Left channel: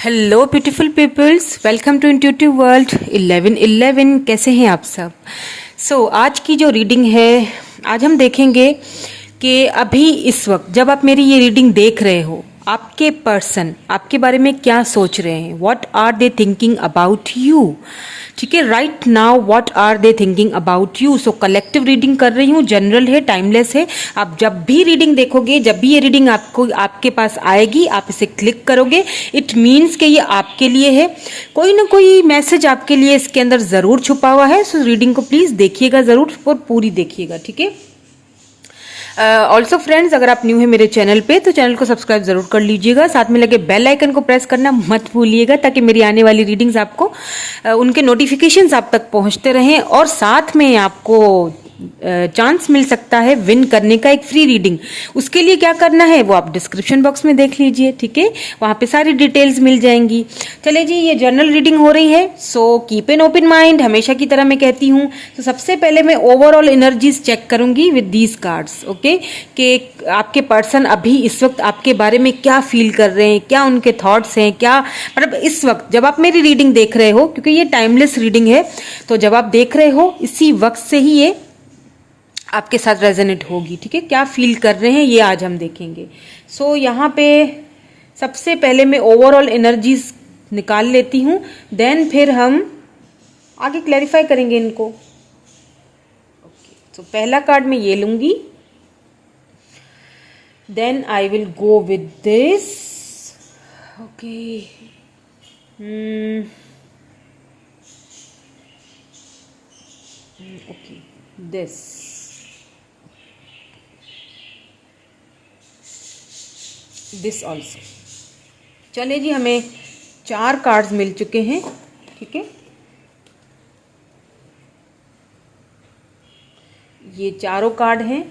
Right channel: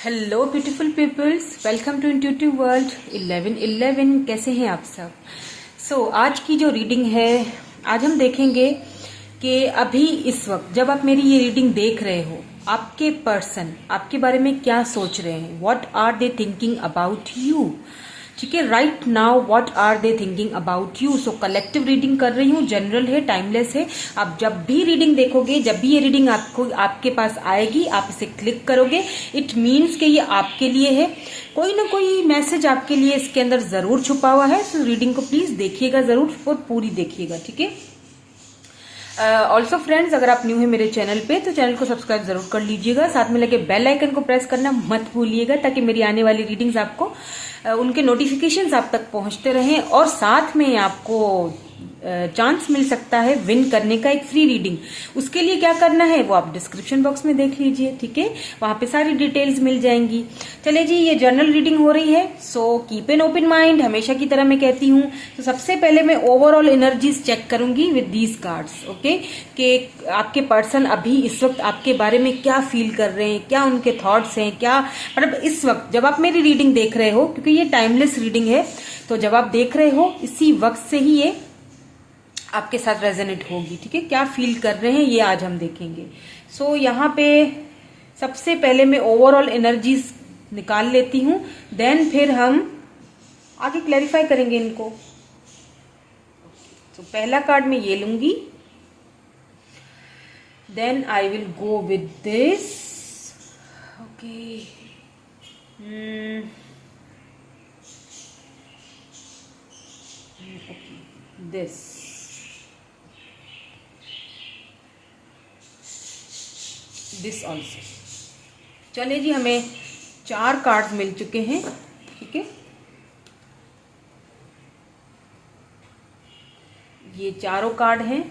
Hello beautiful peoples, welcome to intuitive world 1111। कैसे हैं आप सब? आज की जो रीडिंग है, आज हम देखेंगे कि अभी इस वक्त जब आप मेरी ये रीडिंग देख रहे हो, आपके पर्सन आपके बारे में क्या सोच रहे हैं। What are they thinking about you? ठीक है, right now what are they thinking about you. So collective reading कर रही हूँ, जनरल है, टाइमलेस है। आप जब भी रीडिंग देखोगे, जब भी ये रीडिंग आपको आपके पास आएगी, आप इसे क्लिक करोगे, इट मीन्स कि ये आपके लिए है। कोई ना कोई मैसेज आपके लिए इसके अंदर जरूर छुपा हुआ है। सो रीडिंग को प्लीज देखिएगा जरूर और पूरी देखिएगा, ठीक है। ऑल्सो फ्रेंड्स, अगर आप न्यू है मेरे चैनल पे तो चैनल को सब्सक्राइब जरूर कर लीजिएगा। साथ में लगे बेल आइकन को प्रेस करना मत भूलिएगा, ताकि मेरी आने वाली रीडिंग्स आपको उनके नोटिफिकेशंस आप तक पहुंचते रहें। और साथ में आपको चांस मिल सकता है विन करने का, एक फ्री रीडिंग। उसके लिए क्या करना है वो आप डिस्क्रिप्शन बॉक्स में देख लीजिए, ठीक है, वहां पे सारी डिटेल्स मिल जाएंगी। चले जी, ये जनरल रीडिंग हो रही है। So keep an open mind, हमेशा की तरह मैं कहती हूँ। तो सबसे पहले मैं ओवरऑल एनर्जीज चेक करूंगी विद दीज कार्ड्स, ओके, कि आपके पर्सन अभी इस वक्त आपके बारे में क्या फील कर रहे हैं, क्या उनके थॉट्स हैं, क्या मतलब इस वक्त जब आप मेरी रीडिंग देख रहे हो, क्योंकि ये टाइमलेस रीडिंग है, तो जब आप देख रहे हो इसी वक्त से ही ये आपके साथ रेजोनेट होगी, ठीक है। क्या फील कर रहे हैं ये आज हम देखेंगे। यहाँ पे सबसे पहले मैं ओवरऑल एनर्जीज निकाल लेती हूँ, देन फिर हम आगे क्लैरिफाई करेंगे इनको। पहला कार्ड मैं ये लूंगी, then I will go with this, okay. Okay, this, this also. चले जी, हमें 4 कार्ड्स मिल चुके हैं, ठीक है। ये चारों कार्ड हैं,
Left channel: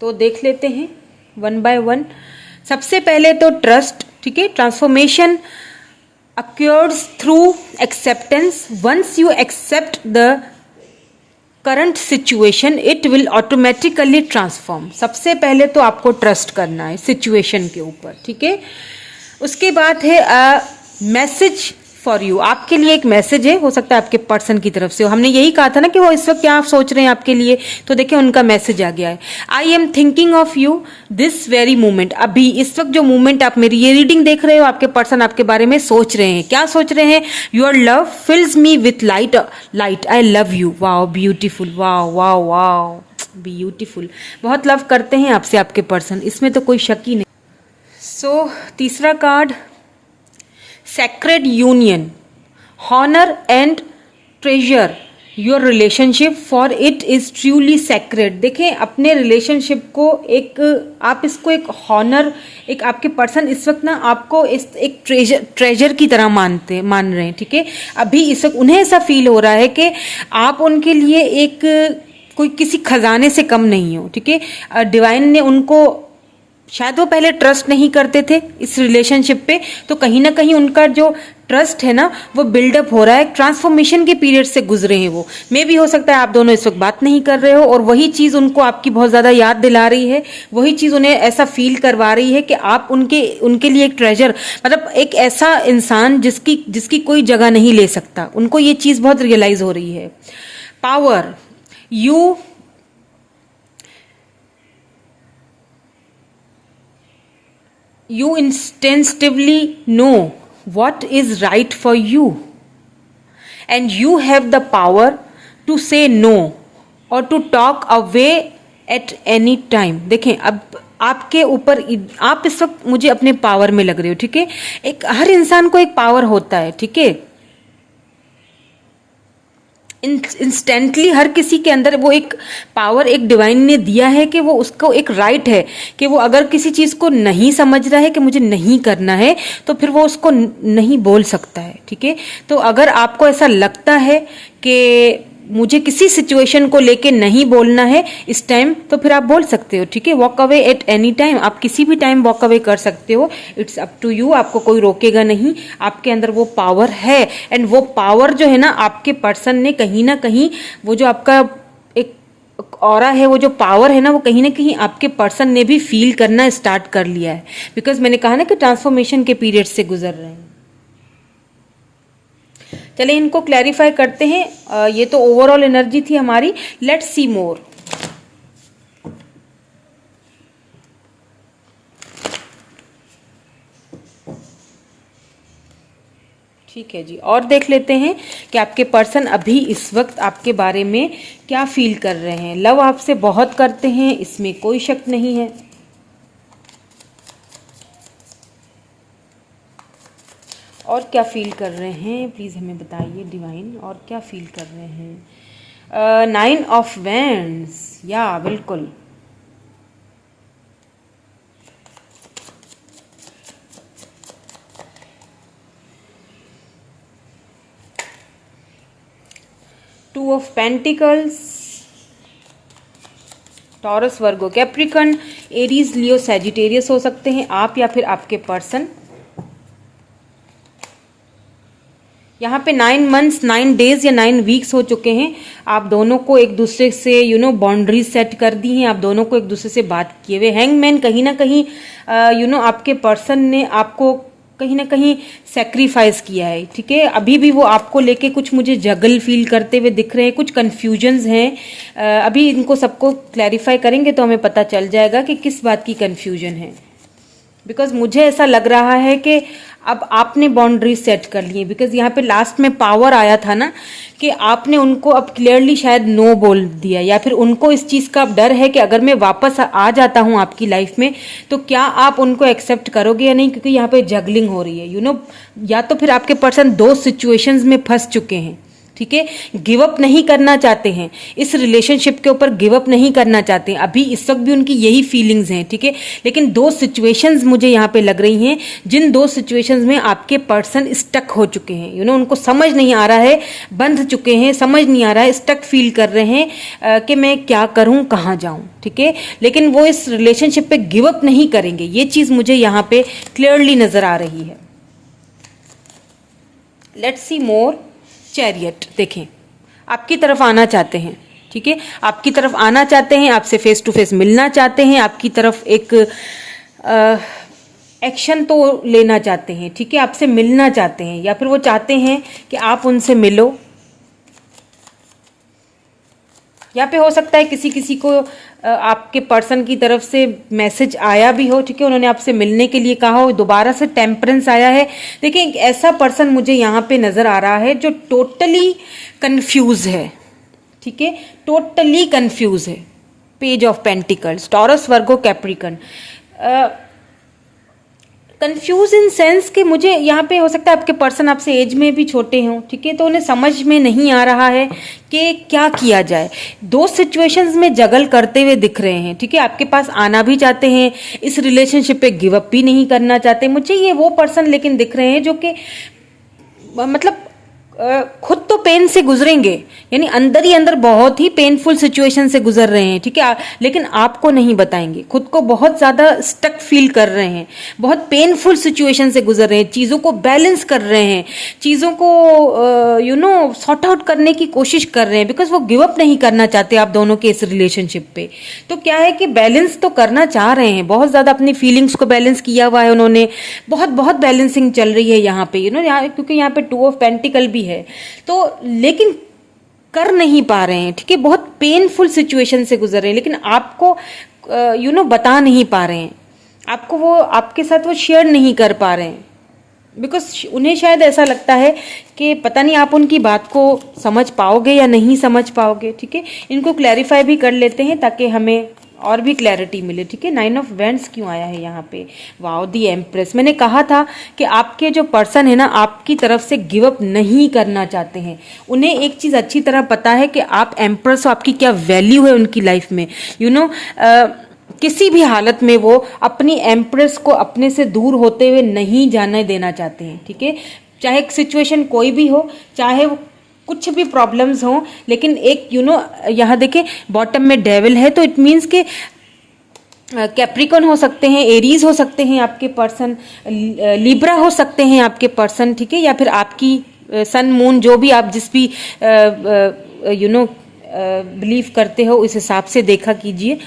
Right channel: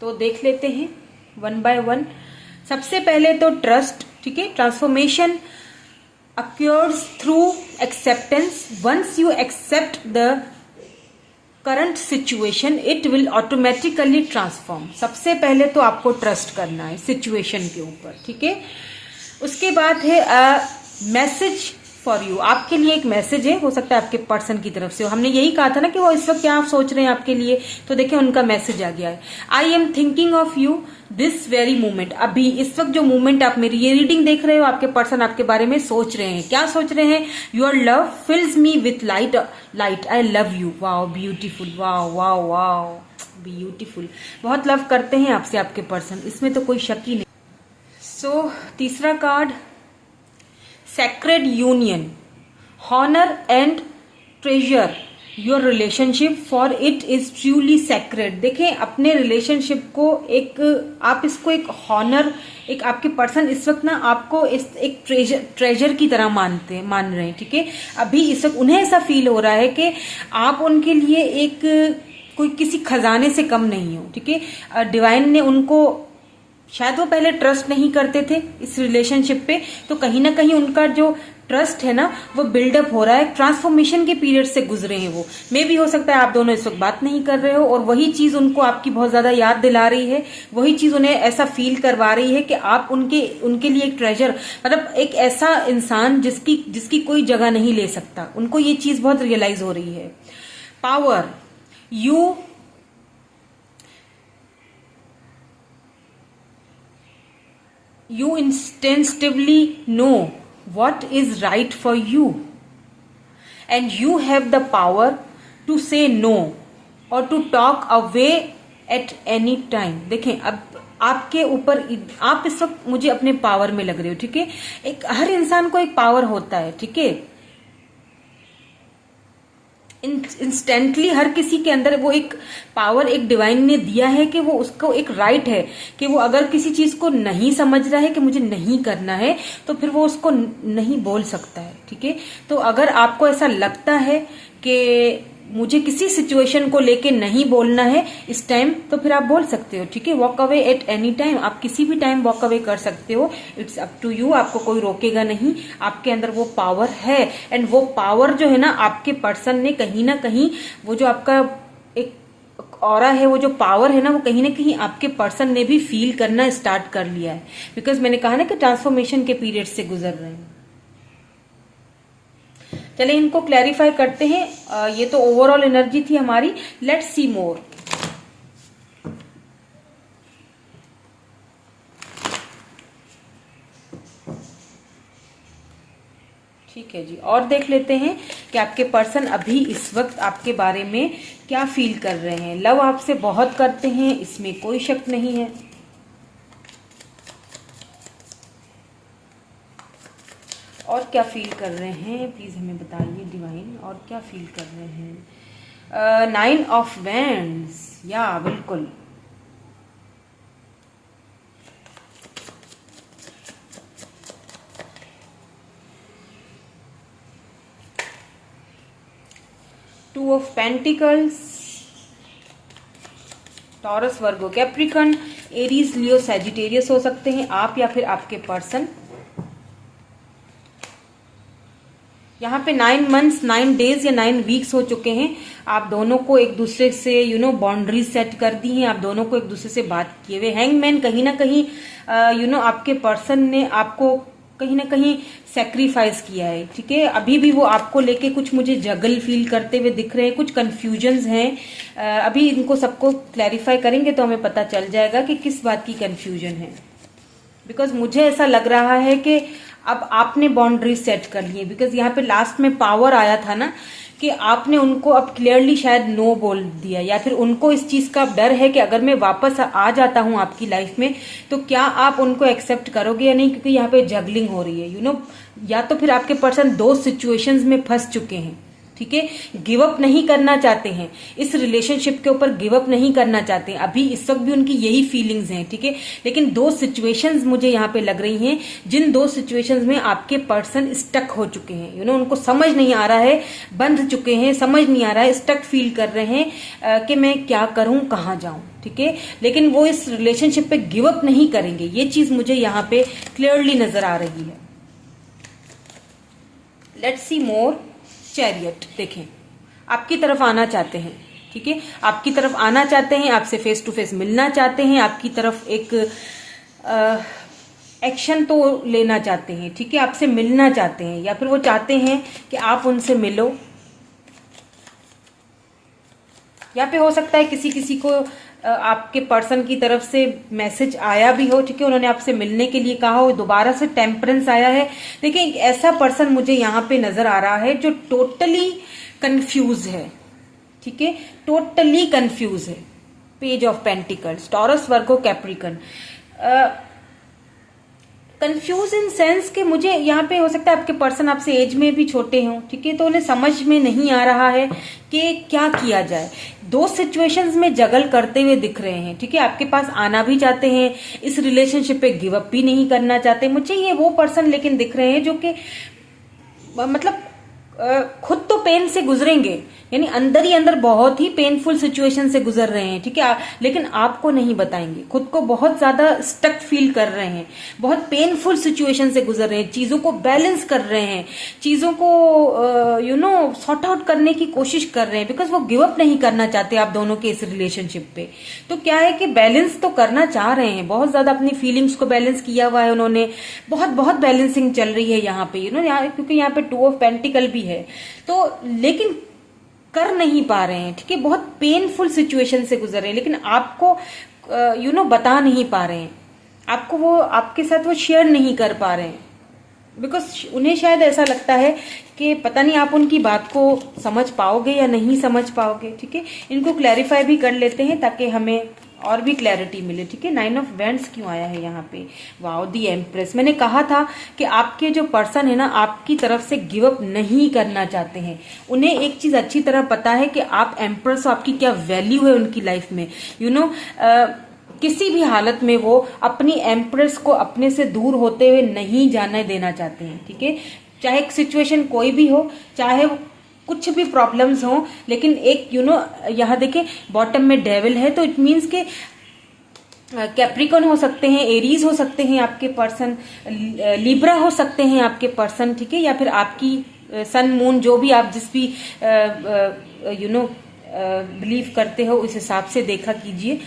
तो देख लेते हैं वन बाय वन। सबसे पहले तो ट्रस्ट, ठीक है। Transformation occurs through acceptance. Once you accept the current situation it will automatically transform. सबसे पहले तो आपको ट्रस्ट करना है सिचुएशन के ऊपर, ठीक है। उसके बाद है मैसेज फॉर यू, आपके लिए एक मैसेज है, हो सकता है आपके पर्सन की तरफ से हो। हमने यही कहा था ना कि वो इस वक्त क्या सोच रहे हैं आपके लिए, तो देखिए उनका मैसेज आ गया है। I am thinking of you this very moment. अभी इस वक्त जो मोमेंट आप मेरी ये रीडिंग देख रहे हो, आपके पर्सन आपके बारे में सोच रहे हैं। क्या सोच रहे हैं? Your love fills me with light, light, I love you. Wow beautiful, wow wow wow beautiful. बहुत लव करते हैं आपसे आपके पर्सन, इसमें तो कोई शक ही नहीं। तीसरा card, sacred union, honor and treasure your relationship for it is truly sacred। देखें अपने रिलेशनशिप को एक, आप इसको एक हॉनर, एक आपके पर्सन इस वक्त ना आपको इस एक ट्रेजर की तरह मान रहे हैं, ठीक है। अभी इस वक्त उन्हें ऐसा फील हो रहा है कि आप उनके लिए एक कोई किसी खजाने से कम नहीं हो, ठीक है। डिवाइन ने उनको, शायद वो पहले ट्रस्ट नहीं करते थे इस रिलेशनशिप पे, तो कहीं ना कहीं उनका जो ट्रस्ट है ना वो बिल्डअप हो रहा है। ट्रांसफॉर्मेशन के पीरियड से गुजरे हैं वो। मे भी हो सकता है आप दोनों इस वक्त बात नहीं कर रहे हो, और वही चीज उनको आपकी बहुत ज्यादा याद दिला रही है, वही चीज उन्हें ऐसा फील करवा रही है कि आप उनके लिए एक ट्रेजर, मतलब एक ऐसा इंसान जिसकी कोई जगह नहीं ले सकता। उनको ये चीज बहुत रियलाइज हो रही है। Power, you instinctively know what is right for you and you have the power to say no or to talk away at any time। देखें अब आपके ऊपर, आप इस वक्त मुझे अपने पावर में लग रहे हो, ठीक है। एक हर इंसान को एक पावर होता है, ठीक है। इंस्टेंटली हर किसी के अंदर वो एक पावर, एक डिवाइन ने दिया है कि वो उसको एक राइट है कि वो अगर किसी चीज को नहीं समझ रहा है कि मुझे नहीं करना है, तो फिर वो उसको नहीं बोल सकता है, ठीक है। तो अगर आपको ऐसा लगता है कि मुझे किसी सिचुएशन को लेके नहीं बोलना है इस टाइम, तो फिर आप बोल सकते हो, ठीक है। Walk away at any time, आप किसी भी टाइम वॉक अवे कर सकते हो। इट्स अप टू यू, आपको कोई रोकेगा नहीं। आपके अंदर वो पावर है, एंड वो पावर जो है ना आपके पर्सन ने कहीं ना कहीं वो जो आपका एक ऑरा है, वो जो पावर है ना, वो कहीं ना कहीं आपके पर्सन ने भी फील करना स्टार्ट कर लिया है, बिकॉज मैंने कहा ना कि ट्रांसफॉर्मेशन के पीरियड से गुजर रहे हैं। चलिए इनको क्लैरिफाई करते हैं। ये तो ओवरऑल एनर्जी थी हमारी। लेट्स सी मोर। ठीक है जी, और देख लेते हैं कि आपके पर्सन अभी इस वक्त आपके बारे में क्या फील कर रहे हैं। लव आपसे बहुत करते हैं, इसमें कोई शक नहीं है। और क्या फील कर रहे हैं प्लीज हमें बताइए डिवाइन, और क्या फील कर रहे हैं। 9 ऑफ वैंड्स, या बिल्कुल। Two of pentacles, taurus, Virgo, Capricorn, Aries, Leo, Sagittarius हो सकते हैं आप या फिर आपके पर्सन। यहाँ पे 9 मंथ्स 9 डेज या 9 वीक्स हो चुके हैं। आप दोनों को एक दूसरे से बाउंड्रीज सेट कर दी हैं, आप दोनों को एक दूसरे से बात किए हुए। हैंगमैन, कहीं ना कहीं आपके पर्सन ने आपको कहीं ना कहीं सेक्रीफाइस किया है। ठीक है, अभी भी वो आपको लेके कुछ मुझे जगल फील करते हुए दिख रहे हैं, कुछ कंफ्यूजन्स हैं। अभी इनको सबको क्लैरिफाई करेंगे तो हमें पता चल जाएगा कि किस बात की कंफ्यूजन है। बिकॉज मुझे ऐसा लग रहा है कि अब आपने बाउंड्री सेट कर ली है। बिकॉज यहाँ पे लास्ट में पावर आया था ना, कि आपने उनको अब क्लियरली शायद नो बोल दिया, या फिर उनको इस चीज का डर है कि अगर मैं वापस आ जाता हूं आपकी लाइफ में तो क्या आप उनको एक्सेप्ट करोगे या नहीं, क्योंकि यहाँ पे जगलिंग हो रही है। या तो फिर आपके पर्सन 2 सिचुएशंस में फंस चुके हैं। ठीक है, गिव अप नहीं करना चाहते हैं, इस रिलेशनशिप के ऊपर गिव अप नहीं करना चाहते हैं। अभी इस वक्त भी उनकी यही फीलिंग्स हैं। ठीक है, लेकिन 2 सिचुएशंस मुझे यहाँ पे लग रही हैं, जिन 2 सिचुएशंस में आपके पर्सन स्टक हो चुके हैं। उनको समझ नहीं आ रहा है, बंध चुके हैं, समझ नहीं आ रहा है, स्टक फील कर रहे हैं कि मैं क्या करूं, कहाँ जाऊं। ठीक है, लेकिन वो इस रिलेशनशिप पे गिव अप नहीं करेंगे, ये चीज मुझे यहाँ पे क्लियरली नजर आ रही है। Let's see more. चैरियट, देखें आपकी तरफ आना चाहते हैं। ठीक है, आपकी तरफ आना चाहते हैं, आपसे फेस टू फेस मिलना चाहते हैं, आपकी तरफ एक एक्शन तो लेना चाहते हैं। ठीक है, आपसे मिलना चाहते हैं, या फिर वो चाहते हैं कि आप उनसे मिलो। यहाँ पे हो सकता है किसी किसी को आपके पर्सन की तरफ से मैसेज आया भी हो। ठीक है, उन्होंने आपसे मिलने के लिए कहा हो, दोबारा से टेम्परेंस आया है। देखिए, एक ऐसा पर्सन मुझे यहाँ पे नजर आ रहा है जो टोटली कंफ्यूज है। ठीक है, टोटली कंफ्यूज है। Page of pentacles, taurus, Virgo, Capricorn. Confuse in sense कि मुझे यहाँ पे हो सकता है आपके पर्सन आपसे एज में भी छोटे हों। ठीक है, तो उन्हें समझ में नहीं आ रहा है कि क्या किया जाए। 2 सिचुएशंस में जगल करते हुए दिख रहे हैं। ठीक है, आपके पास आना भी चाहते हैं, इस रिलेशनशिप पे गिव अप भी नहीं करना चाहते। मुझे ये वो पर्सन लेकिन दिख रहे हैं जो कि मतलब खुद तो पेन से गुजरेंगे, यानी अंदर ही अंदर बहुत ही पेनफुल सिचुएशन से गुजर रहे हैं। ठीक है, लेकिन आपको नहीं बताएंगे। खुद को बहुत ज्यादा स्टक फील कर रहे हैं, बहुत पेनफुल सिचुएशन से गुजर रहे हैं, चीजों को बैलेंस कर रहे हैं, चीजों को सॉर्ट आउट करने की कोशिश कर रहे हैं, बिकॉज वो गिव अप नहीं करना चाहते आप दोनों के इस रिलेशनशिप पे। तो क्या है कि बैलेंस तो करना चाह रहे हैं, बहुत ज्यादा अपनी फीलिंग्स को बैलेंस किया हुआ है उन्होंने, बहुत बहुत बैलेंसिंग चल रही है यहाँ पे। क्योंकि यहाँ पे 2 ऑफ पेंटिकल भी है, तो लेकिन कर नहीं पा रहे हैं। ठीक है, बहुत पेनफुल सिचुएशन से गुजर रहे हैं, लेकिन आपको बता नहीं पा रहे हैं, आपको वो आपके साथ वो शेयर नहीं कर पा रहे हैं, बिकॉज उन्हें शायद ऐसा लगता है कि पता नहीं आप उनकी बात को समझ पाओगे या नहीं समझ पाओगे। ठीक है, इनको क्लैरिफाई भी कर लेते हैं ताकि हमें और भी क्लैरिटी मिले। ठीक है, 9 ऑफ वैंड्स क्यों आया है यहाँ पे? Wow, the empress. मैंने कहा था कि आपके जो पर्सन है ना, आपकी तरफ से गिव अप नहीं करना चाहते हैं। उन्हें एक चीज अच्छी तरह पता है कि आप एम्प्रेस हो, आपकी क्या वैल्यू है उनकी लाइफ में। किसी भी हालत में वो अपनी एम्प्रेस को अपने से दूर होते हुए नहीं जाने देना चाहते हैं। ठीक है, चाहे सिचुएशन कोई भी हो, चाहे कुछ भी प्रॉब्लम्स हो, लेकिन एक यहाँ देखे बॉटम में डेविल है, तो इट मीन्स के कैप्रिकॉन हो सकते हैं, एरीज हो सकते हैं आपके पर्सन, लिब्रा हो सकते हैं आपके पर्सन। ठीक है, या फिर आपकी सन मून, जो भी आप जिस भी बिलीव करते हो उस हिसाब से देखा कीजिए।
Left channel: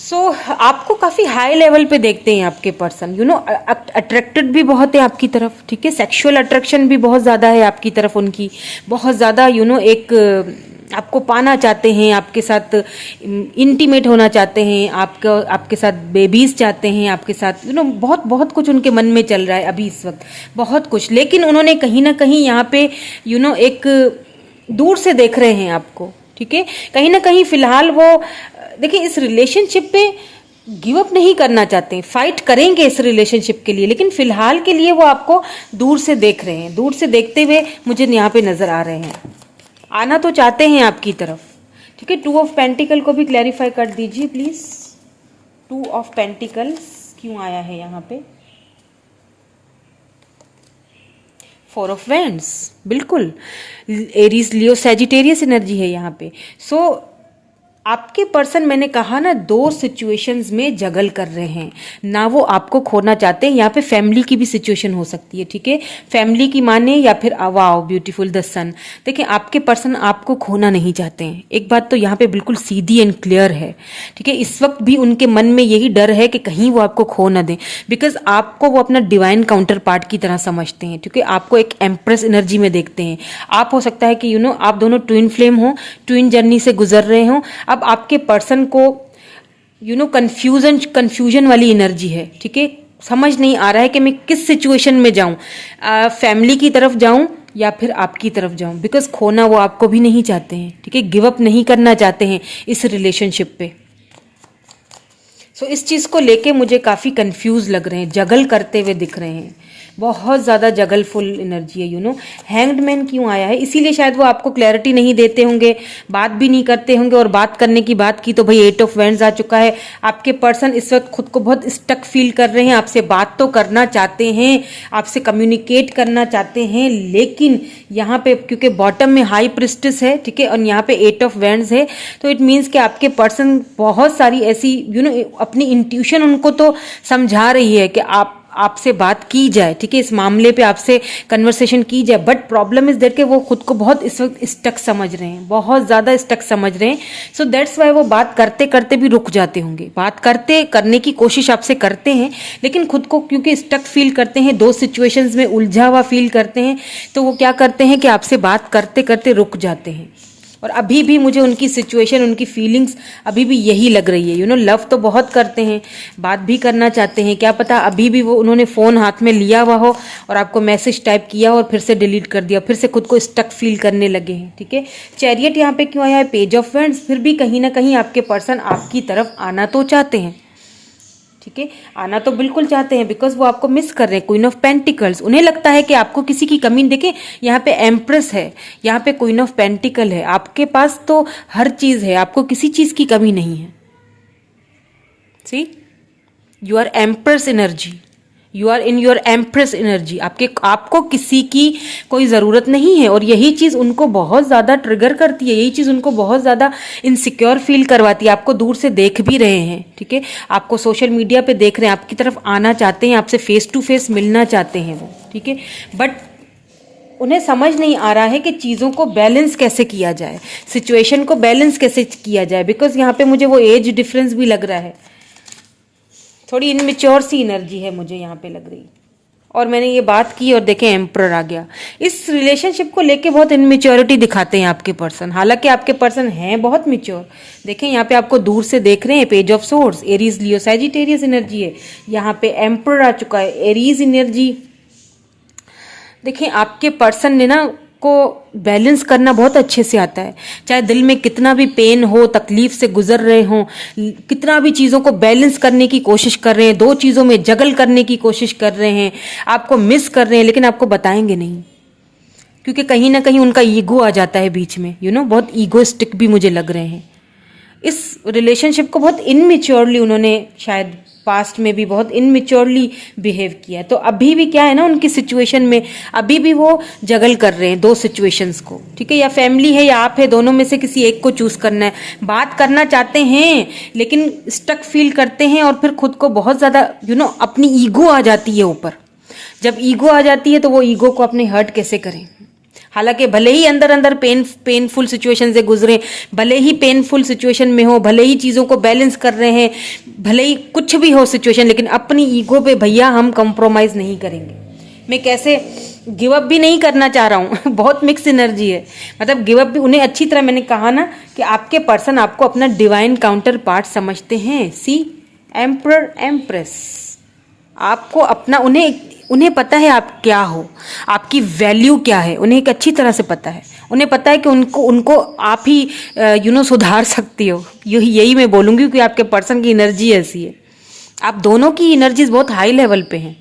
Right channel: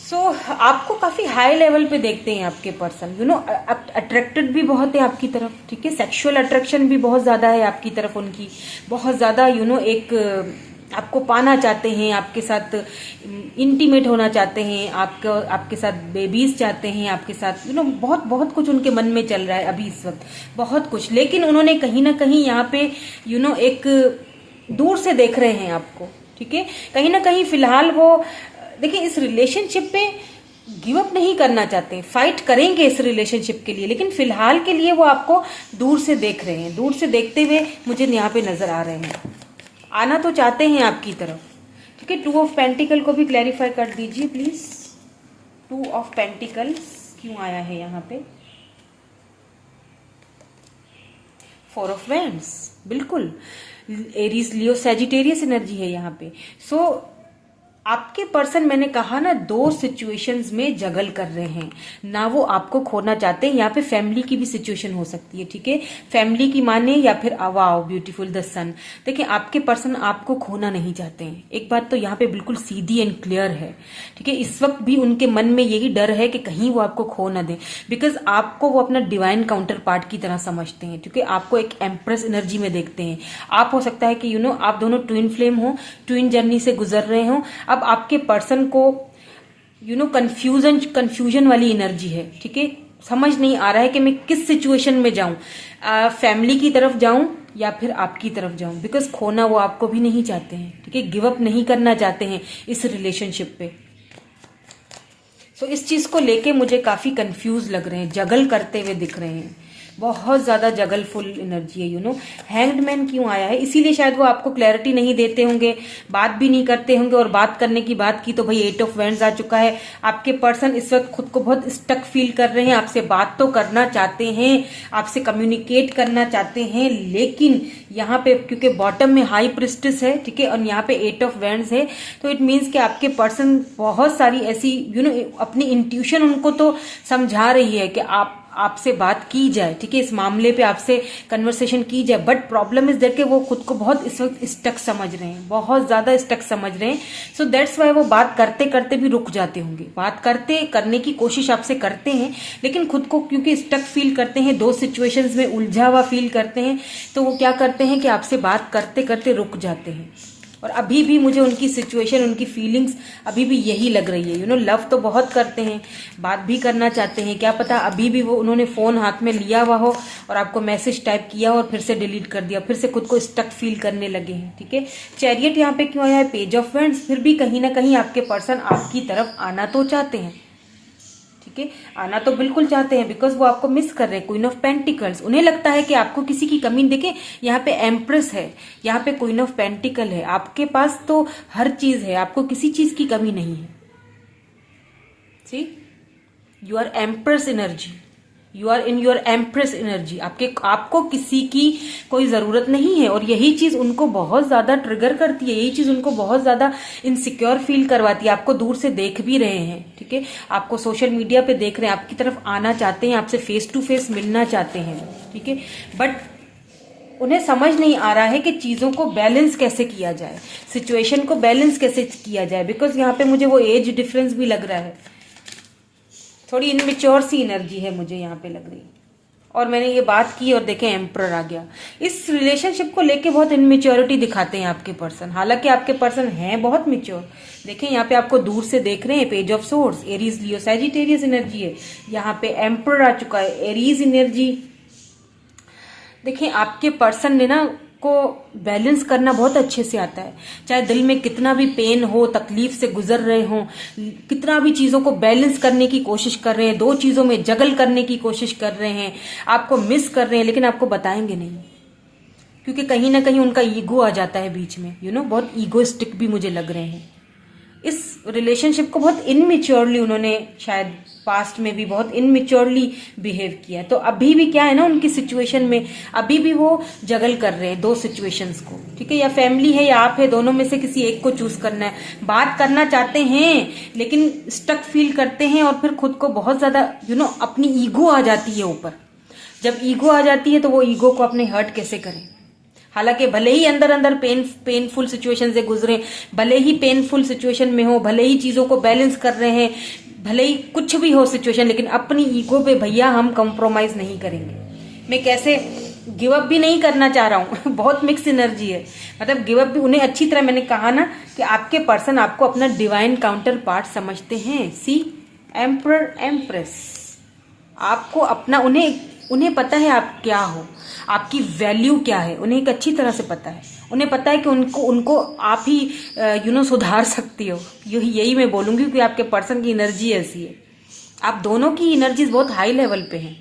सो आपको काफ़ी हाई लेवल पे देखते हैं आपके पर्सन, यू नो अट्रैक्टेड भी बहुत है आपकी तरफ, ठीक है, सेक्सुअल अट्रैक्शन भी बहुत ज़्यादा है आपकी तरफ उनकी, बहुत ज़्यादा यू नो एक आपको पाना चाहते हैं, आपके साथ इंटीमेट होना चाहते हैं, आपके साथ बेबीज चाहते हैं, आपके साथ यू नो बहुत बहुत कुछ उनके मन में चल रहा है अभी इस वक्त, बहुत कुछ। लेकिन उन्होंने कहीं ना कहीं यहाँ पे यू नो एक दूर से देख रहे हैं आपको, ठीक है, कहीं ना कहीं फिलहाल वो देखिए इस रिलेशनशिप पे गिव अप नहीं करना चाहते हैं, फाइट करेंगे इस रिलेशनशिप के लिए, लेकिन फिलहाल के लिए वो आपको दूर से देख रहे हैं, दूर से देखते हुए मुझे यहाँ पे नजर आ रहे हैं, आना तो चाहते हैं आपकी तरफ, ठीक है। 2 ऑफ पेंटिकल को भी क्लैरिफाई कर दीजिए प्लीज। 2 ऑफ पेंटिकल्स क्यों आया है यहाँ पे? 4 ऑफ वैंड्स, बिल्कुल एरीज लियो सैजिटेरियस एनर्जी है यहाँ पे। सो आपके पर्सन, मैंने कहा ना, 2 सिचुएशंस में जगल कर रहे हैं ना, वो आपको खोना चाहते हैं। यहाँ पे फैमिली की भी सिचुएशन हो सकती है, ठीक है, फैमिली की माने या फिर वाओ ब्यूटीफुल द सन। देखिए आपके पर्सन आपको खोना नहीं चाहते हैं, एक बात तो यहाँ पे बिल्कुल सीधी एंड क्लियर है, ठीक है। इस वक्त भी उनके मन में यही डर है कि कहीं वो आपको खो ना दें, बिकॉज आपको वो अपना डिवाइन काउंटर पार्ट की तरह समझते हैं, क्योंकि आपको एक एम्प्रेस एनर्जी में देखते हैं। आप हो सकता है कि यू नो आप दोनों ट्विन फ्लेम हो, ट्विन जर्नी से गुजर रहे हो। अब आपके पर्सन को यू नो कंफ्यूजन वाली एनर्जी है, ठीक है, समझ नहीं आ रहा है कि मैं किस सिचुएशन में जाऊं, फैमिली की तरफ जाऊं या फिर आपकी तरफ जाऊं, बिकॉज खोना वो आपको भी नहीं चाहते हैं, ठीक है, गिव अप नहीं करना चाहते हैं इस रिलेशनशिप पे। सो इस चीज को लेके मुझे काफी कंफ्यूज लग रहे हैं, जगल करते हुए दिख रहे हैं, बहुत ज़्यादा जगलफुल एनर्जी है, यू नो। हैंग्ड मैन क्यों आया है? इसीलिए शायद वो आपको क्लैरिटी नहीं देते होंगे, बात भी नहीं करते होंगे, और बात करने की बात की तो भाई 8 ऑफ वैंड्स आ चुका है। आपके पर्सन इस वक्त खुद को बहुत स्टक फील कर रहे हैं, आपसे बात तो करना चाहते हैं, आपसे कम्युनिकेट करना चाहते हैं, लेकिन यहाँ पे क्योंकि बॉटम में हाई प्रिस्टेस है, ठीक है, और यहाँ पे 8 ऑफ वैंड्स है, तो इट मीन्स कि आपके पर्सन बहुत सारी ऐसी यू नो अपनी इंट्यूशन उनको तो समझा रही है कि आपसे बात की जाए, ठीक है, इस मामले पे आपसे कन्वर्सेशन की जाए, बट प्रॉब्लम इज दैट कि वो खुद को बहुत इस वक्त स्टक समझ रहे हैं, बहुत ज्यादा स्टक समझ रहे हैं। सो दैट्स वाई वो बात करते करते भी रुक जाते होंगे, बात करने की कोशिश आपसे करते हैं, लेकिन खुद को क्योंकि स्टक फील करते हैं, 2 सिचुएशंस में उलझा हुआ फील करते हैं, तो वो क्या करते हैं कि आपसे बात करते करते रुक जाते हैं। और अभी भी मुझे उनकी सिचुएशन, उनकी फीलिंग्स अभी भी यही लग रही है, यू नो, लव तो बहुत करते हैं, बात भी करना चाहते हैं, क्या पता अभी भी वो उन्होंने फ़ोन हाथ में लिया हुआ हो और आपको मैसेज टाइप किया और फिर से डिलीट कर दिया, फिर से खुद को स्टक फील करने लगे हैं, ठीक है। चैरियट यहाँ पे क्यों आया है? Page of wands. फिर भी कहीं ना कहीं आपके पर्सन आपकी तरफ आना तो चाहते हैं, ठीक है, आना तो बिल्कुल चाहते हैं, बिकॉज वो आपको मिस कर रहे हैं। क्वीन ऑफ पेंटिकल्स, उन्हें लगता है कि आपको किसी की कमी, देखे यहाँ पे एम्प्रेस है, यहाँ पे क्वीन ऑफ पेंटिकल है, आपके पास तो हर चीज है, आपको किसी चीज की कमी नहीं है। See, you are empress energy, you are in your empress energy, आपको किसी की कोई ज़रूरत नहीं है, और यही चीज़ उनको बहुत ज़्यादा ट्रिगर करती है, यही चीज़ उनको बहुत ज़्यादा इनसिक्योर फील करवाती है। आपको दूर से देख भी रहे हैं, ठीक है, आपको सोशल मीडिया पे देख रहे हैं, आपकी तरफ आना चाहते हैं, आपसे फेस टू फेस मिलना चाहते हैं वो, ठीक है, बट उन्हें समझ नहीं आ रहा है कि चीज़ों को बैलेंस कैसे किया जाए, सिचुएशन को बैलेंस कैसे किया जाए, बिकॉज यहाँ पे मुझे वो एज डिफरेंस भी लग रहा है, थोड़ी इनमेच्योर सी एनर्जी है मुझे यहाँ पे लग रही। और मैंने ये बात की और देखे एम्परर आ गया, इस रिलेशनशिप को लेके बहुत इनमेच्योरिटी दिखाते हैं आपके पर्सन, हालांकि आपके पर्सन हैं बहुत मेच्योर। देखें यहाँ पे आपको दूर से देख रहे हैं, page of swords, Aries Leo Sagittarius energy है, यहाँ पे एम्परर आ चुका है, एरीज एनर्जी। देखिए आपके पर्सन ने ना को बैलेंस करना बहुत अच्छे से आता है, चाहे दिल में कितना भी पेन हो, तकलीफ से गुजर रहे हो, कितना भी चीज़ों को बैलेंस करने की कोशिश कर रहे हैं, 2 चीज़ों में जगल करने की कोशिश कर रहे हैं, आपको मिस कर रहे हैं, लेकिन आपको बताएंगे नहीं, क्योंकि कहीं ना कहीं उनका ईगो आ जाता है बीच में, यू नो, बहुत ईगोइस्टिक भी मुझे लग रहे हैं। इस रिलेशनशिप को बहुत इनमेच्योरली उन्होंने शायद पास्ट में भी बहुत इनमेच्योरली बिहेव किया, तो अभी भी क्या है ना, उनकी सिचुएशन में अभी भी वो जगल कर रहे हैं 2 सिचुएशंस को, ठीक है, या फैमिली है या आप है, दोनों में से किसी एक को चूज करना है। बात करना चाहते हैं लेकिन स्टक फील करते हैं, और फिर खुद को बहुत ज्यादा यू नो अपनी ईगो आ जाती है ऊपर। जब ईगो आ जाती है तो वो ईगो को अपने हर्ट कैसे करें, हालांकि भले ही अंदर अंदर पेनफुल सिचुएशन से गुजरे, भले ही पेनफुल सिचुएशन में हो, भले ही चीज़ों को बैलेंस कर रहे हैं, भले ही कुछ भी हो सिचुएशन, लेकिन अपनी ईगो पे भैया हम कंप्रोमाइज़ नहीं करेंगे। मैं कैसे गिव अप भी नहीं करना चाह रहा हूँ बहुत मिक्स एनर्जी है, मतलब गिव अप भी उन्हें अच्छी तरह, मैंने कहा ना कि आपके पर्सन आपको अपना डिवाइन काउंटर पार्ट समझते हैं। सी एम्परर एम्प्रेस, आपको अपना, उन्हें पता है आप क्या हो, आपकी वैल्यू क्या है, उन्हें एक अच्छी तरह से पता है। उन्हें पता है कि उनको आप ही सुधार सकती हो। यही मैं बोलूँगी कि आपके पर्सन की एनर्जी ऐसी है। आप दोनों की एनर्जीज बहुत हाई लेवल पे हैं।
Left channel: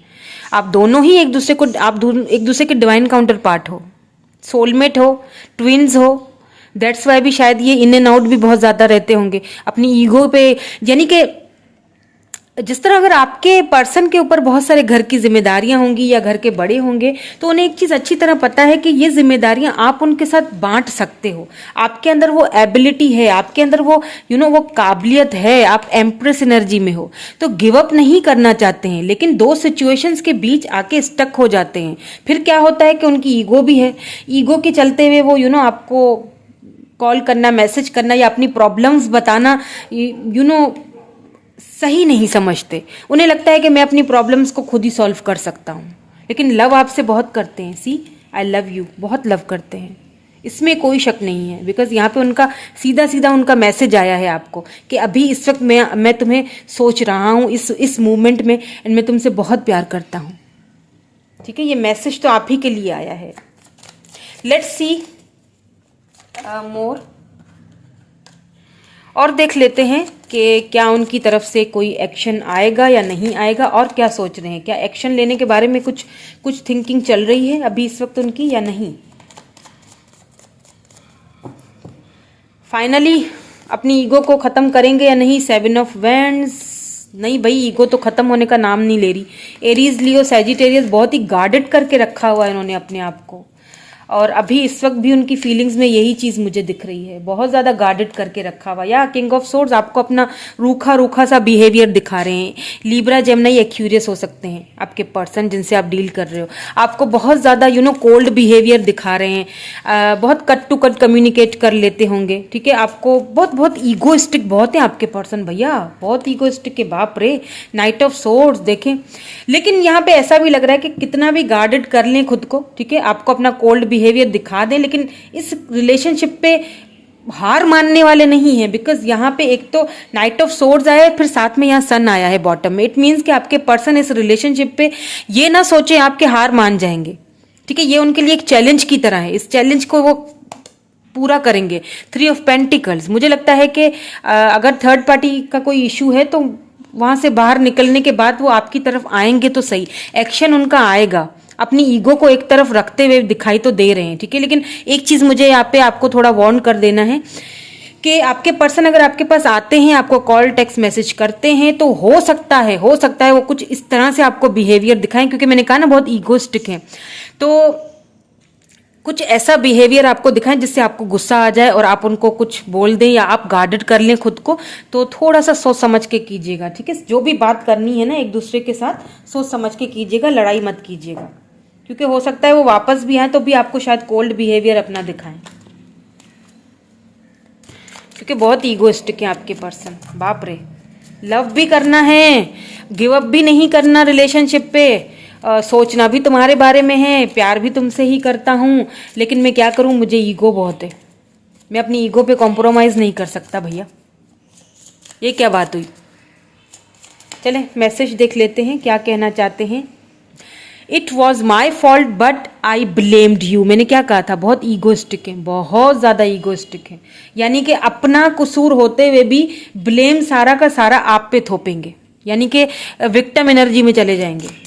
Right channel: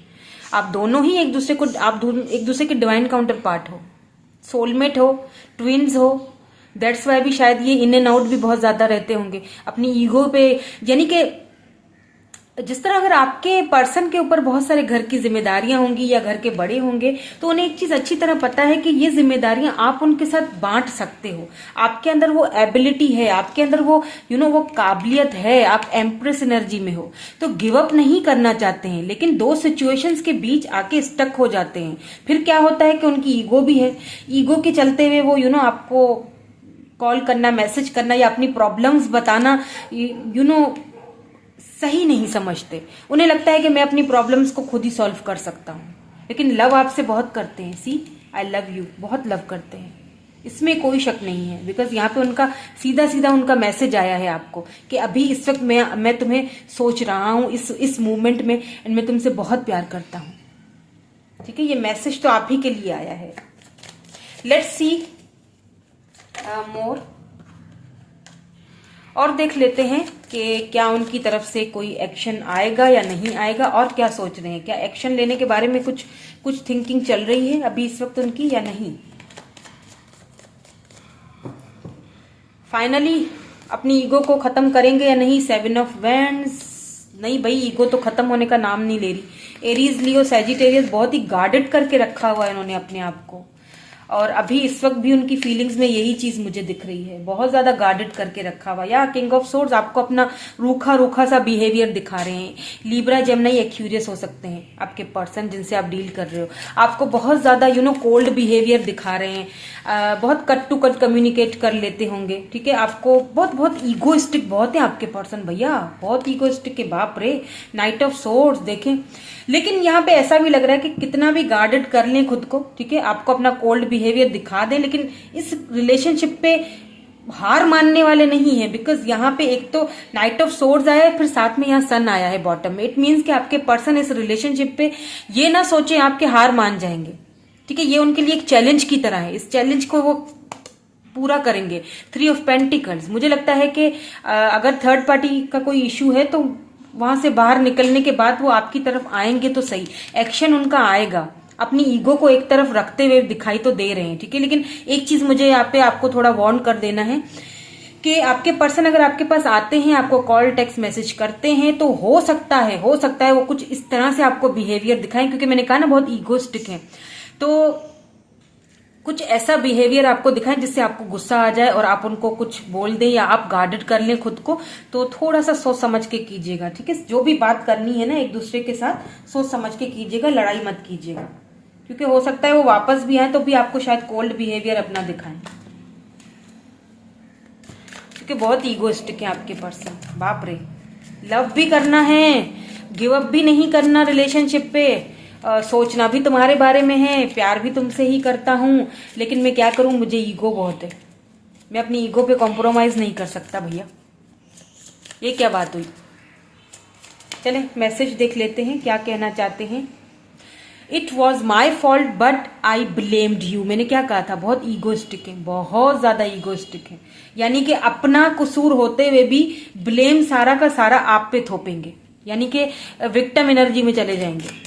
आप दोनों ही एक दूसरे के डिवाइन काउंटर पार्ट हो, सोलमेट हो, ट्विन्स हो। दैट्स वाई भी शायद ये इन एंड आउट भी बहुत ज़्यादा रहते होंगे अपनी ईगो पे। यानी कि जिस तरह अगर आपके पर्सन के ऊपर बहुत सारे घर की जिम्मेदारियां होंगी या घर के बड़े होंगे, तो उन्हें एक चीज़ अच्छी तरह पता है कि ये जिम्मेदारियां आप उनके साथ बांट सकते हो। आपके अंदर वो एबिलिटी है, आपके अंदर वो वो काबिलियत है, आप एम्प्रेस एनर्जी में हो, तो गिव अप नहीं करना चाहते हैं, लेकिन दो सिचुएशंस के बीच आके स्टक हो जाते हैं। फिर क्या होता है कि उनकी ईगो भी है, ईगो के चलते हुए वो आपको कॉल करना, मैसेज करना या अपनी प्रॉब्लम्स बताना सही नहीं समझते। उन्हें लगता है कि मैं अपनी प्रॉब्लम्स को खुद ही सॉल्व कर सकता हूँ, लेकिन लव आपसे बहुत करते हैं। सी आई लव यू, बहुत लव करते हैं, इसमें कोई शक नहीं है। बिकॉज यहाँ पे उनका सीधा सीधा उनका मैसेज आया है आपको कि अभी इस वक्त मैं तुम्हें सोच रहा हूँ इस मूवमेंट में, एंड मैं तुमसे बहुत प्यार करता हूँ। ठीक है, ये मैसेज तो आप ही के लिए आया है। लेट्स सी मोर, और देख लेते हैं कि क्या उनकी तरफ से कोई एक्शन आएगा या नहीं आएगा, और क्या सोच रहे हैं, क्या एक्शन लेने के बारे में कुछ थिंकिंग चल रही है अभी इस वक्त उनकी या नहीं। फाइनली अपनी ईगो को खत्म करेंगे या नहीं। 7 ऑफ वैंड्स, नहीं भाई, ईगो तो खत्म होने का नाम नहीं ले रही। एरीज, लियो, सैजिटेरियस, बहुत ही गार्डेड करके रखा हुआ है इन्होंने अपने आप को, और अभी इस वक्त भी उनकी फीलिंग्स में यही चीज मुझे दिख रही है, बहुत ज्यादा गार्डेड करके रखा हुआ। या किंग ऑफ सोर्ड्स आपको अपना रूखा सा बिहेवियर दिखा रहे हैं। लीब्रा, जेमिनी, एक्यूरियस हो सकते हैं आपके पर्सन जिनसे आप डील कर रहे हो। आपको बहुत ज्यादा कोल्ड बिहेवियर दिखा रहे हैं, बहुत कट टू कट कम्युनिकेट कर लेते होंगे। ठीक है, आपको बहुत ईगोइस्टिक बहुत है आपके पर्सन भैया, बहुत ईगोइस्टिक के बाप रे। नाइट ऑफ सोर्ड्स देखें, लेकिन यहाँ पे ऐसा भी लग रहा है कि कितना भी गार्डेड कर लें खुद को, ठीक है, आपको अपना कोल्ड बिहेवियर दिखा दें, लेकिन इस रिलेशनशिप पे हार मानने वाले नहीं है। बिकॉज यहाँ पे एक तो नाइट ऑफ सोर्ड्स आया है, फिर साथ में यहाँ सन आया है बॉटम में। इट मीन्स कि आपके पर्सन इस रिलेशनशिप पे ये ना सोचे आपके हार मान जाएंगे। ठीक है, ये उनके लिए एक चैलेंज की तरह है, इस चैलेंज को वो पूरा करेंगे। 3 ऑफ पेंटिकल्स, मुझे लगता है कि अगर थर्ड पार्टी का कोई इशू है तो वहां से बाहर निकलने के बाद वो आपकी तरफ आएंगे तो सही, एक्शन उनका आएगा। अपनी ईगो को एक तरफ रखते हुए दिखाई तो दे रहे हैं। ठीक है, लेकिन एक चीज मुझे यहाँ पे आपको थोड़ा वार्न कर देना है कि आपके पर्सन अगर आपके पास आते हैं, आपको कॉल, टेक्स्ट मैसेज करते हैं, तो हो सकता है वो कुछ इस तरह से आपको बिहेवियर दिखाएं, क्योंकि मैंने कहा ना बहुत ईगोस्टिक है, तो कुछ ऐसा बिहेवियर आपको दिखाएं जिससे आपको गुस्सा आ जाए और आप उनको कुछ बोल दें या आप गार्डेड कर लें खुद को। तो थोड़ा सा सोच समझ के कीजिएगा। ठीक है, जो भी बात करनी है ना एक दूसरे के साथ सोच समझ के कीजिएगा, लड़ाई मत कीजिएगा, क्योंकि हो सकता है वो वापस भी आए तो भी आपको शायद कोल्ड बिहेवियर अपना दिखाएं, क्योंकि बहुत ईगोइस्टिक है आपके पर्सन। बाप रे, लव भी करना है, गिव अप भी नहीं करना रिलेशनशिप पे, सोचना भी तुम्हारे बारे में है, प्यार भी तुमसे ही करता हूं, लेकिन मैं क्या करूं, मुझे ईगो बहुत है, मैं अपनी ईगो पे कॉम्प्रोमाइज नहीं कर सकता भैया। ये क्या बात हुई। चले मैसेज देख लेते हैं क्या कहना चाहते हैं। It was my fault but I blamed you. मैंने क्या कहा था, बहुत ईगोइस्टिक है, बहुत ज्यादा ईगोइस्टिक है, यानी कि अपना कसूर होते हुए भी ब्लेम सारा का सारा आप पे थोपेंगे, यानी कि विक्टिम एनर्जी में चले जाएंगे।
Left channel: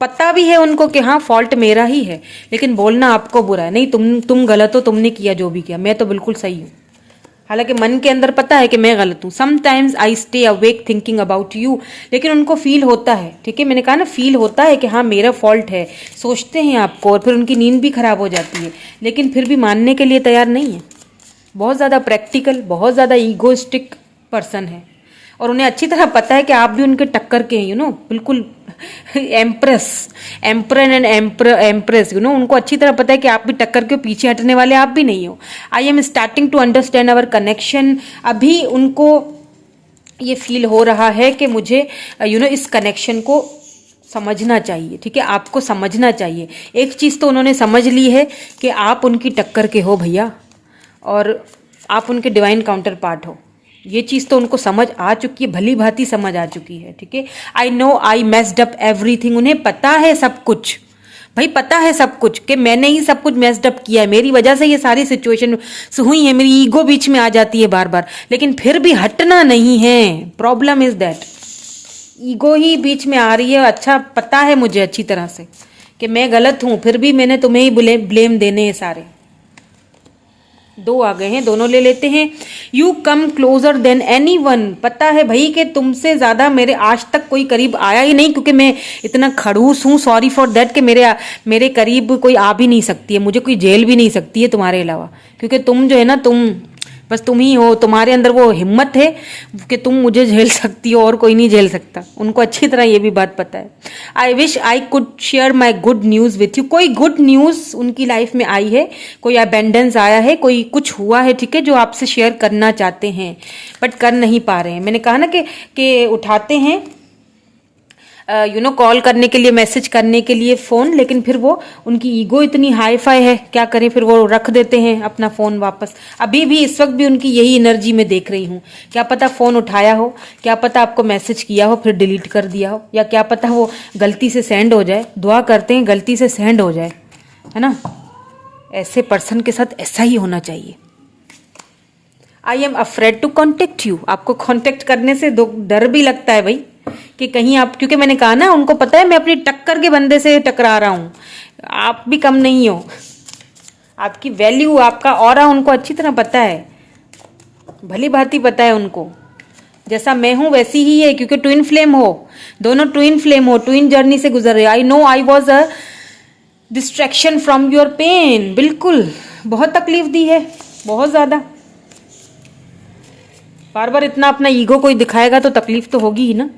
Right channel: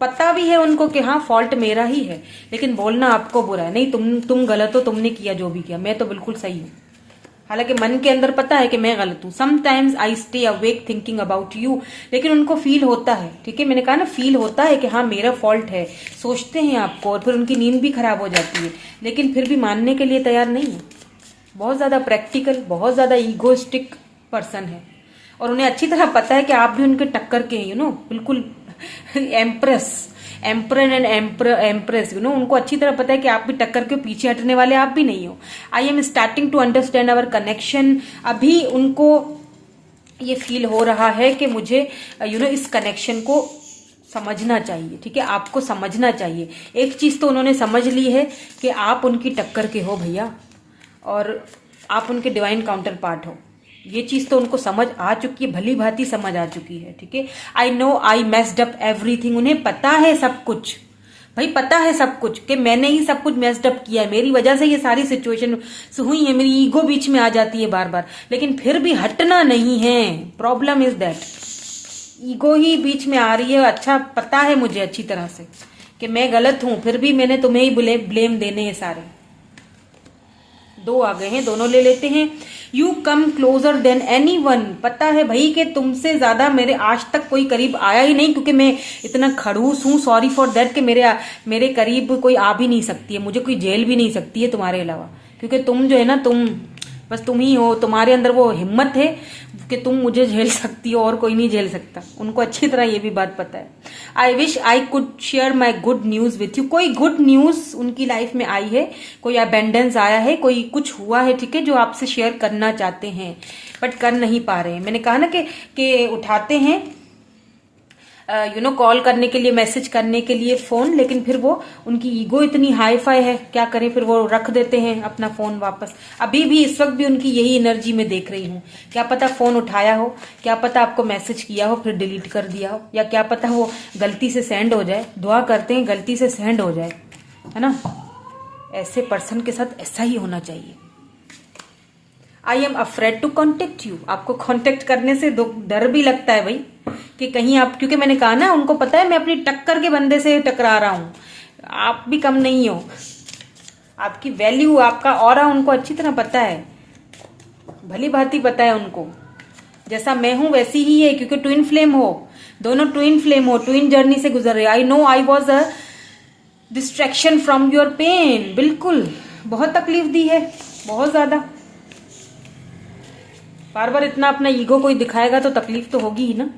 पता भी है उनको कि हाँ फॉल्ट मेरा ही है, लेकिन बोलना आपको बुरा है। नहीं, तुम गलत हो, तुमने किया जो भी किया, मैं तो बिल्कुल सही हूँ। हालांकि मन के अंदर पता है कि मैं गलत हूँ। Sometimes I stay awake thinking about you, लेकिन उनको फील होता है। ठीक है, मैंने कहा ना फील होता है कि हाँ मेरा फॉल्ट है, सोचते हैं आपको, और फिर उनकी नींद भी खराब हो जाती है, लेकिन फिर भी मानने के लिए तैयार नहीं है। बहुत ज़्यादा प्रैक्टिकल, बहुत ज़्यादा ईगोइस्टिक पर्सन है, और उन्हें अच्छी तरह पता है कि आप भी उनके टक्कर के हैं, बिल्कुल एम्प्रेस, एम्प्रन एंड एम्प्रेस, उनको अच्छी तरह पता है कि आप भी टक्कर के पीछे हटने वाले आप भी नहीं हो। I am starting to understand our connection. अभी उनको ये फील हो रहा है कि मुझे इस कनेक्शन को समझना चाहिए, ठीक है, आपको समझना चाहिए। एक चीज़ तो उन्होंने समझ ली है कि आप उनकी टक्कर के हो भैया, और आप उनके डिवाइन काउंटर पार्ट हो। ये चीज़ तो उनको समझ आ चुकी है, भली भांति समझ आ चुकी है, ठीक है। आई नो आई मेस्ड अप एवरीथिंग, उन्हें पता है सब कुछ, भाई पता है सब कुछ कि मैंने ही सब कुछ मेस्ड अप किया है, मेरी वजह से ये सारी सिचुएशन हुई है, मेरी ईगो बीच में आ जाती है बार बार, लेकिन फिर भी हटना नहीं है। प्रॉब्लम इज दैट ईगो ही बीच में आ रही है। अच्छा पता है मुझे अच्छी तरह से कि मैं गलत हूं, फिर भी मैंने तुम्हें ही ब्लेम देने हैं सारे। दो आ गए हैं, दोनों ले लेते हैं। You come closer then any one, पता है भाई कि तुमसे ज्यादा मेरे आज तक कोई करीब आया ही नहीं, क्योंकि मैं इतना खड़ूस हूं, सॉरी फॉर दैट, कि मेरे करीब कोई आ भी नहीं सकती है, मुझे कोई झेल भी नहीं सकती है तुम्हारे अलावा, क्योंकि तुम जो है ना, तुम बस तुम ही हो, तुम्हारे अंदर वो हिम्मत है कि तुम मुझे झेल सकती हो और कोई नहीं झेल सकता। उनको अच्छी तरह ये भी बात पता है। I wish I could share my good news with you, कोई गुड न्यूज़ उनकी लाइफ में आई है, कोई अबेंडेंस आया है, कोई कुछ हुआ है, ठीक है, जो आपसे शेयर करना चाहते हैं बट कर नहीं पा रहे हैं। मैंने कहा ना कि उठाते हैं कॉल करने के लिए, मैसेज करने के लिए फ़ोन, लेकिन फिर वो उनकी ईगो इतनी हाई फाई है, क्या करें, फिर वो रख देते हैं अपना फ़ोन वापस। अभी भी इस वक्त भी उनकी यही एनर्जी में देख रही हूँ। क्या पता फ़ोन उठाया हो, क्या पता आपको मैसेज किया हो फिर डिलीट कर दिया हो, या क्या पता वो गलती से सेंड हो जाए। दुआ करते हैं गलती से सेंड हो जाए, है ना। ऐसे पर्सन के साथ ऐसा ही होना चाहिए। I am afraid to contact you, आपको कॉन्टेक्ट करने से डर भी लगता है भाई कि कहीं आप, क्योंकि मैंने कहा ना, उनको पता है मैं अपनी टक्कर के बंदे से टकरा रहा हूं। आप भी कम नहीं हो, आपकी वैल्यू, आपका ऑरा उनको अच्छी तरह पता है, भली भांति पता है उनको। जैसा मैं हूं वैसी ही है, क्योंकि ट्विन फ्लेम हो, दोनों ट्विन फ्लेम हो, ट्विन जर्नी से गुजर रहे। I know I was a distraction from your pain, बिल्कुल बहुत तकलीफ दी है, बहुत ज्यादा। बार बार इतना अपना ईगो कोई दिखाएगा तो तकलीफ तो होगी ही ना।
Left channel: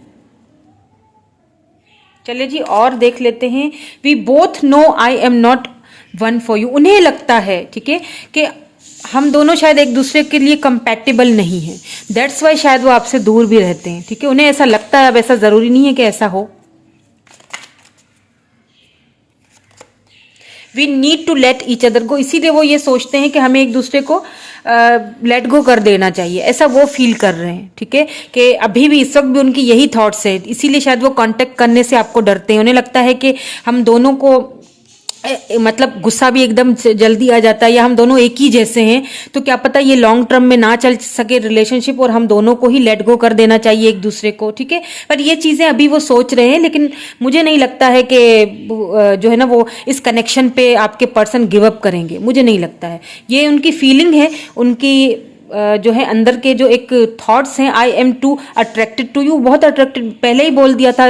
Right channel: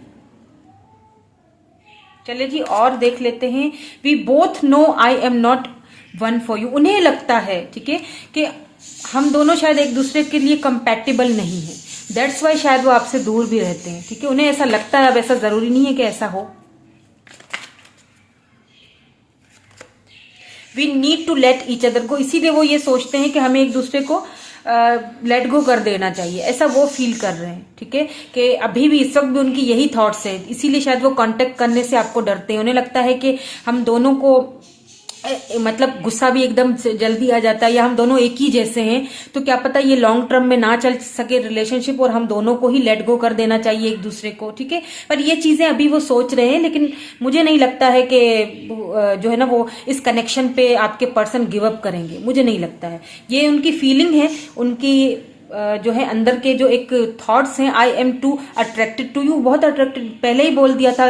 चलिए जी और देख लेते हैं। We both know I am not one for you, उन्हें लगता है, ठीक है, कि हम दोनों शायद एक दूसरे के लिए कंपैटिबल नहीं है, दैट्स वाई शायद वो आपसे दूर भी रहते हैं, ठीक है, उन्हें ऐसा लगता है। अब ऐसा जरूरी नहीं है कि ऐसा हो। We need to let each other go, इसीलिए वो ये सोचते हैं कि हमें एक दूसरे को लेट गो कर देना चाहिए, ऐसा वो फील कर रहे हैं, ठीक है, कि अभी भी इस वक्त भी उनकी यही थॉट्स है, इसीलिए शायद वो कांटेक्ट करने से आपको डरते हैं। उन्हें लगता है कि हम दोनों को मतलब गुस्सा भी एकदम जल्दी आ जाता है, या हम दोनों एक ही जैसे हैं, तो क्या पता ये लॉन्ग टर्म में ना चल सके रिलेशनशिप, और हम दोनों को ही लेट गो कर देना चाहिए एक दूसरे को, ठीक है। पर ये चीजें अभी वो सोच रहे हैं, लेकिन मुझे नहीं लगता है कि जो है ना वो इस कनेक्शन पे आपके पर्सन गिव अप करेंगे, मुझे नहीं लगता है। ये उनकी फीलिंग है, उनकी जो है अंदर के जो एक थॉट्स हैं। I am too attracted to you, बहुत अट्रैक्टेड, पहले ही बोल दिया था,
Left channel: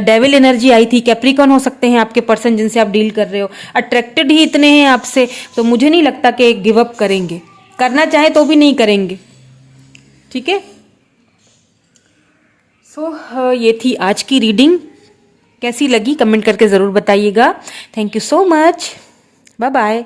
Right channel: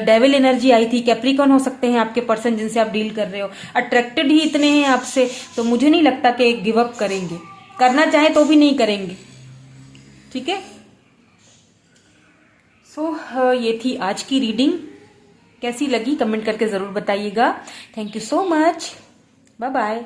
डेविल एनर्जी आई थी। कैप्रिकॉर्न हो सकते हैं आपके पर्सन जिनसे आप डील कर रहे हो, अट्रैक्टेड ही इतने हैं आपसे, तो मुझे नहीं लगता कि गिव अप करेंगे, करना चाहे तो भी नहीं करेंगे, ठीक है। सो ये थी आज की रीडिंग, कैसी लगी कमेंट करके ज़रूर बताइएगा। Thank you so much, bye bye.